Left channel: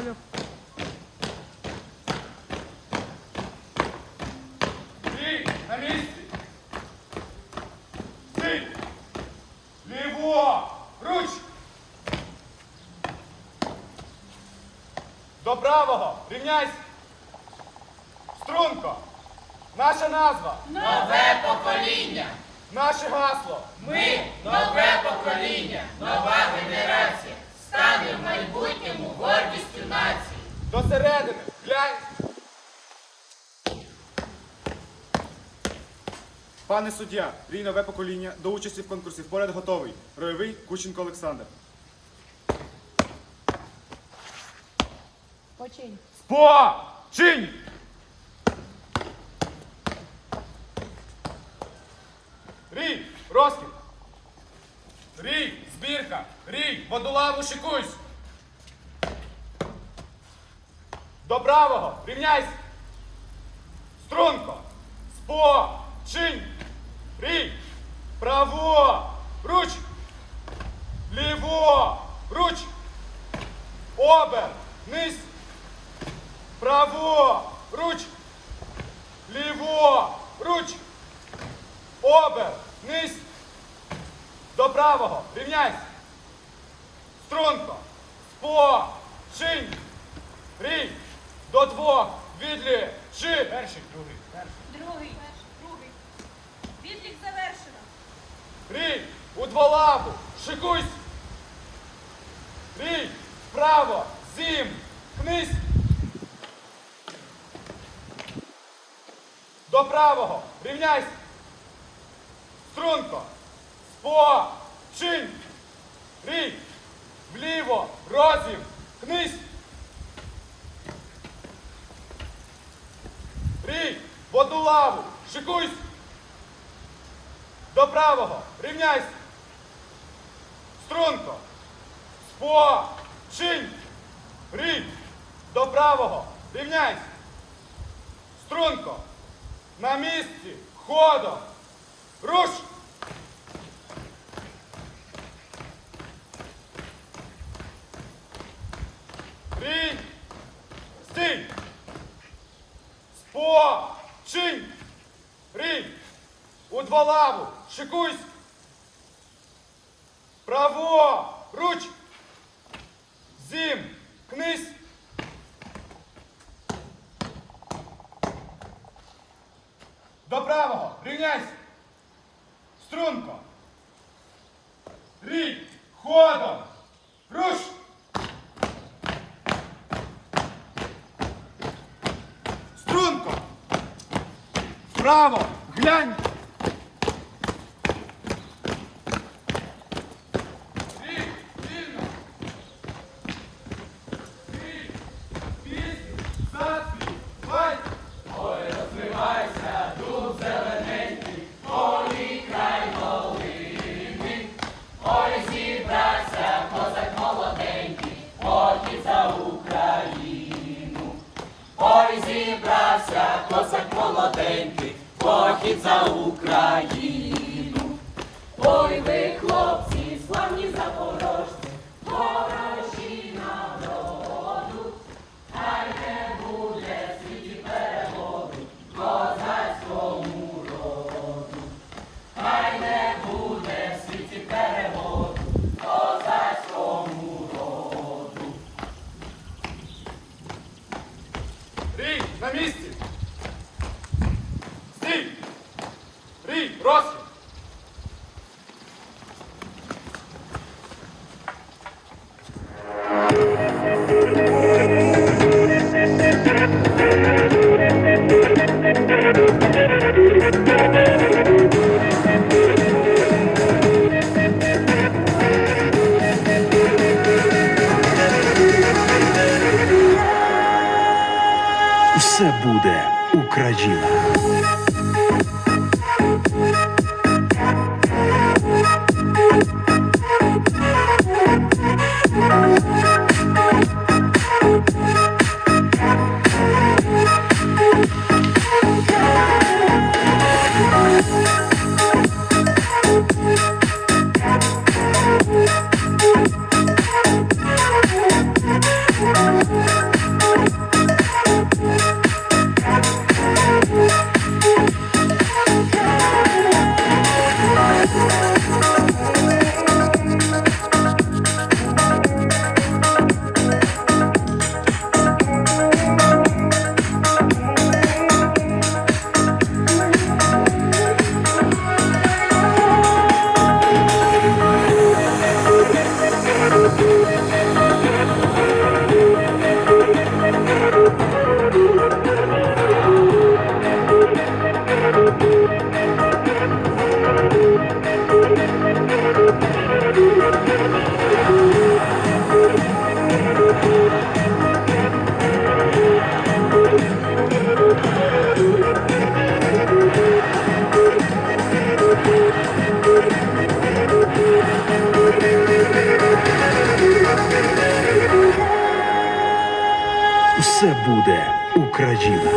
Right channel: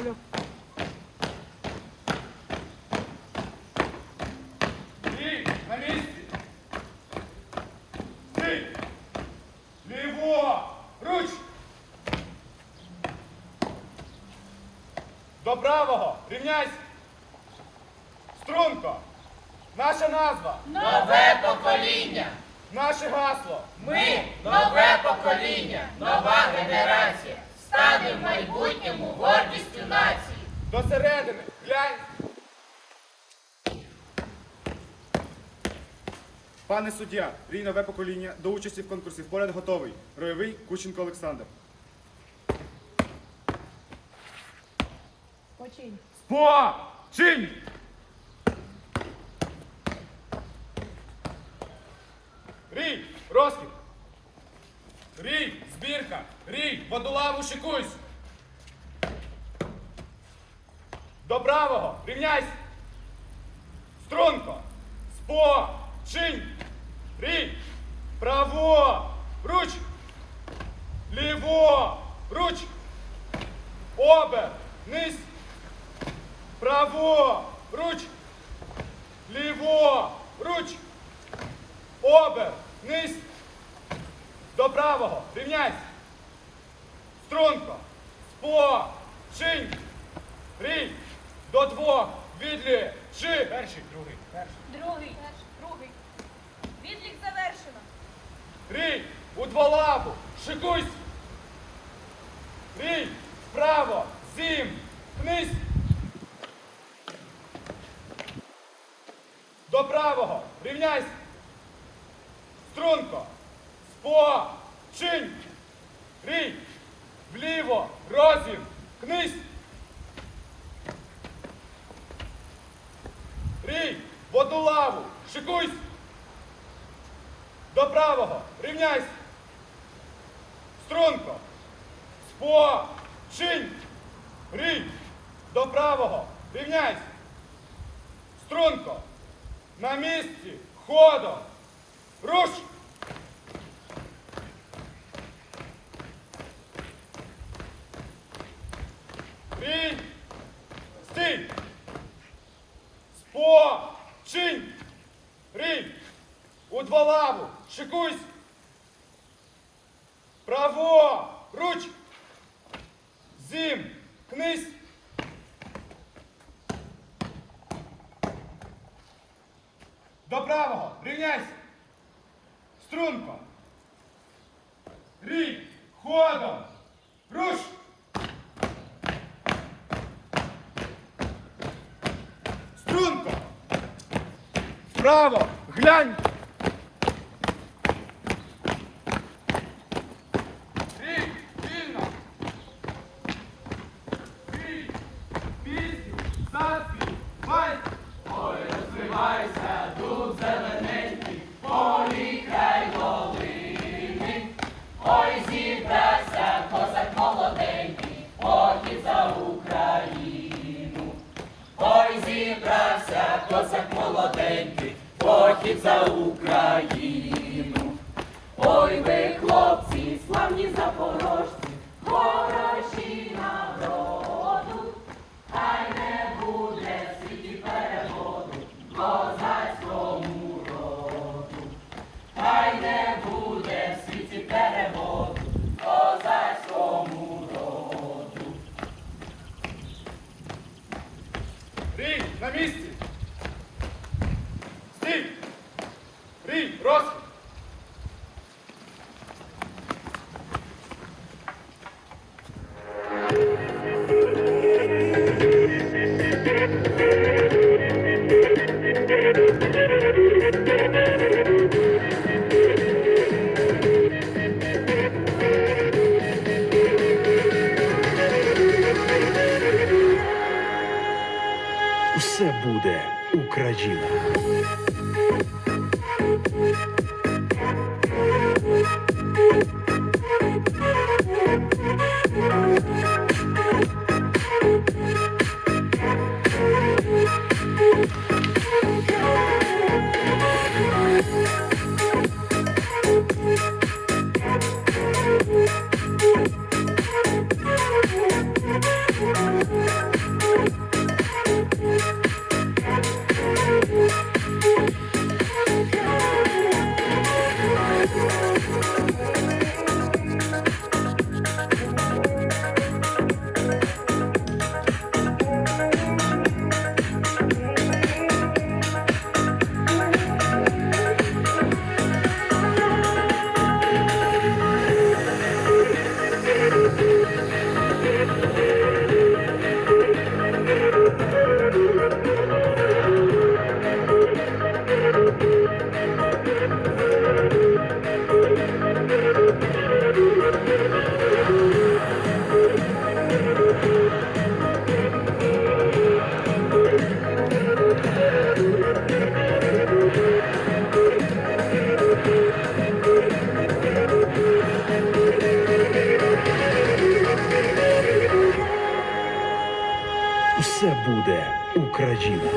понял? Эй, на месте! Эй! Лево! Руч! До правого! Рівняйся! Струнко! Наша назва! Нове покоління! Наше гасло! Ми нове покоління! Нова генерація! До середини. Глянь. Пане суддя, рій нове покоління до участі в конкурсі вперед готовий. Ройовий Кученко Олександр. Починь. Спо! Чинь! Рій! Розкіт! Рій! Збірка! Рій! Водолаву шикуйсь! До правого! Рівняйсь! Струнко! Спо! Чинь! Рій! Право! Руч! Ліво! Руч! Обер! Низ! Право! Руч! Ліво! Руч! Обер! Низ! До правого! Рівняйсь! Струнко! Спо! Шинь! Рій! До двох! Відлі! Ши! Перший, другий, перший. Другий. Другий. Відлік завершено. Рій! У дволаву! Шикуйсь! Рій! Вправо! Зім! Кнись! До правого! Рівняйсь! Струнко! Спо! Чинь! Рій! Вліво! Розім! Кнись! Рій! В одну лаву! Шикуйсь! До правого! Рівняйсь! Струнко! Спо! Чинь! Рій! До правого! Рівняйсь! Струнко! На місці! Ходом! Руш! Рій! Стій! Спо! Чинь! Рій! У два лаву! Шикуйсь! Право! Руч! Зім! Кнись! До правого! Рівняйся! Струнко! Рій! Ходом! Руш! Струнко! Вправо! Глянь! Похід за Україну. Ой, ви, Все буде Україна.